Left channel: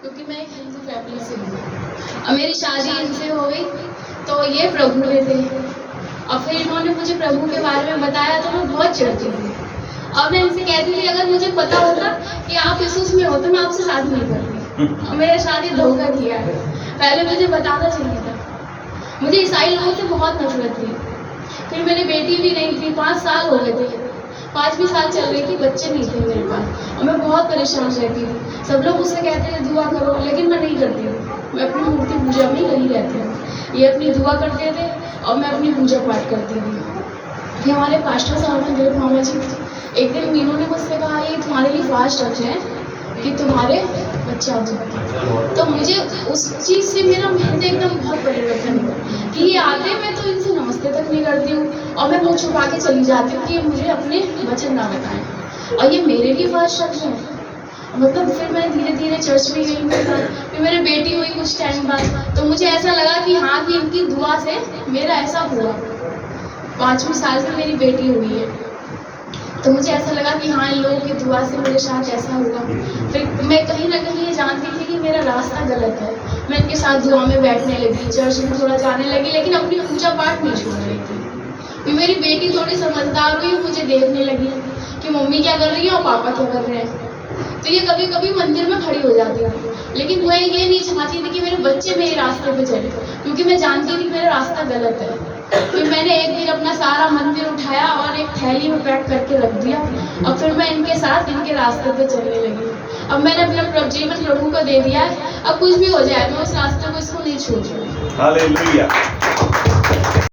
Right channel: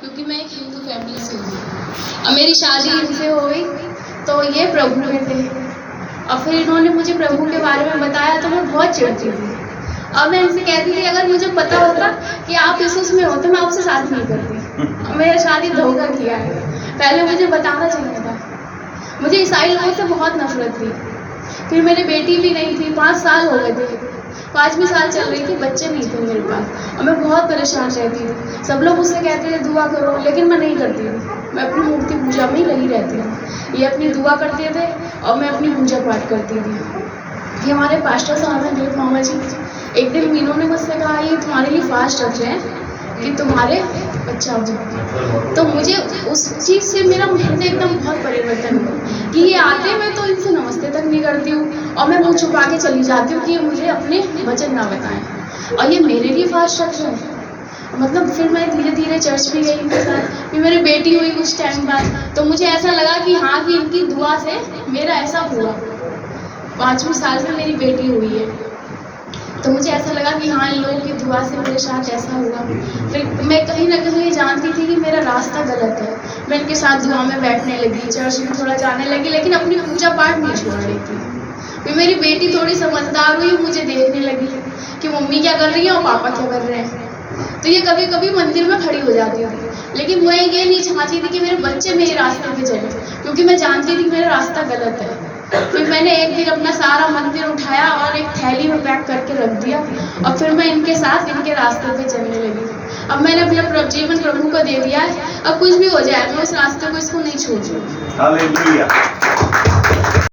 क्योंकि मैं एक हिंदू फैमिली से हूँ। अब मेरी शादी इनसे हो गई तो ये प्रभु में थे। अब फिर इन्होंने मुझे प्रभु के बारे में बताया तो मैं बहुत चिढ़ती थी। अब मैं इनसे कहती थी अगर मुझे पता होता कि आप यीशु में होते मैं आपसे शादी नहीं करती। मेरी शादी धोखा किया है, पहले मुझे बताना चाहिए था। मुझे ईसाई लोगों से बहुत नफरत थी। फिर मेरी बेटी भी नहीं थी, 5 साल हो गए थे, 5वीं साल चल रही थी, बच्चे नहीं थे मेरे पास और मैं बहुत परेशान रहती थी। सब लोग मुझसे कहते थे दुआ करो, लेकिन मैं नहीं करती हूँ। मैं अपनी मूर्ति पूजा में ही लगी रहती हूँ। ये अपनी दुआ करते थे और मैं अपनी पूजा पाठ करती थी। कि हमारे पास्टर साहब हैं मेरे मामा जी, एक दिन मीनू ने मुझसे कहा ये तुम्हारे लिए फास्ट रख रहे हैं कि तुम्हारे बच्चा हो। तो मुझे उस चीज़ से मेरा हृदय एकदम बहुत परिवर्तन हुआ कि ये आते मैं तो इनसे नमस्ते तक नहीं करती हूँ और मैं मुँह छुपा के चली जाती हूँ कि ये मुझे अपने वचन ना बताएं और ये मेरे लिए फास्ट रख रहे हैं। मतलब फिर मैं धीरे धीरे चर्च में गई, फिर मेरी बेटी हुई कुछ टाइम बाद, तो मुझे ऐसा लगा कि हाँ कि इनकी दुआ से मेरा ऐसा हुआ। 5वीं साल में मेरी बेटी हुई है तो मुझे ऐसा लगा कि हाँ इन लोगों की दुआ से मेरे साथ ऐसा हुआ। फिर मैं कहीं ना कहीं जानती थी कि मेरा रास्ता गलत है। मैं इनके साथ दुआ में बैठने लगी, चर्च में थोड़ा जाने लगी, लेकिन अपनी पूजा पाठ नहीं छोड़ रही थी। फिर मेरी बेटी थोड़ी समझदार हुई, मुझे देखने लगी कि मम्मी क्या कर रही है और पापा क्या कर रहे हैं। तो ये कभी कभी मंदिर में खड़ी हो जाती थी, लेकिन मैं ये नहीं चाहती थी कि मेरे बच्चे मेरे रास्ते पे चले, क्योंकि मैं जानती थी मेरा रास्ता गलत है। फिर मैंने एक दिन अपना सारा मंदिर उठाया और एक थैली में पैक करके रख दिया और फिर मैं इनके साथ इनके रास्ते पे चलने लगी। अब मैंने अपना जीवन प्रभु को दे दिया है। अब कुछ भी हो जाए मैं उस रास्ते को इसको नहीं छोड़ दूँगी। हालेलुया।